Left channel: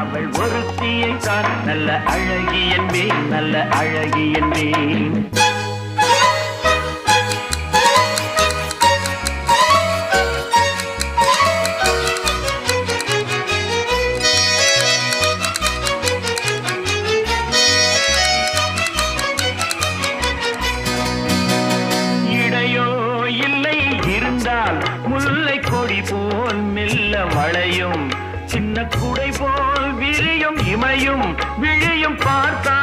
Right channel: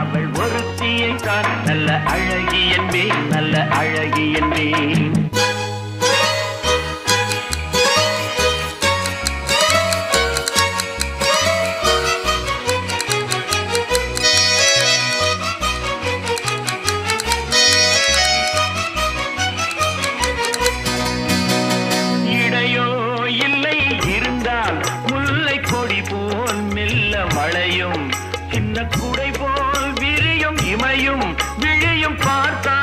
அவள் ஒருத்தியை தான் நல்ல அழகி என்பேன், நல்ல அழகி என்பேன். இடையோ இல்லை இருந்தால் முல்லை கொடி போல் மெல்ல மழையும், சின்ன குடை போல் விரியும் இமையும் விழியும் பார்த்த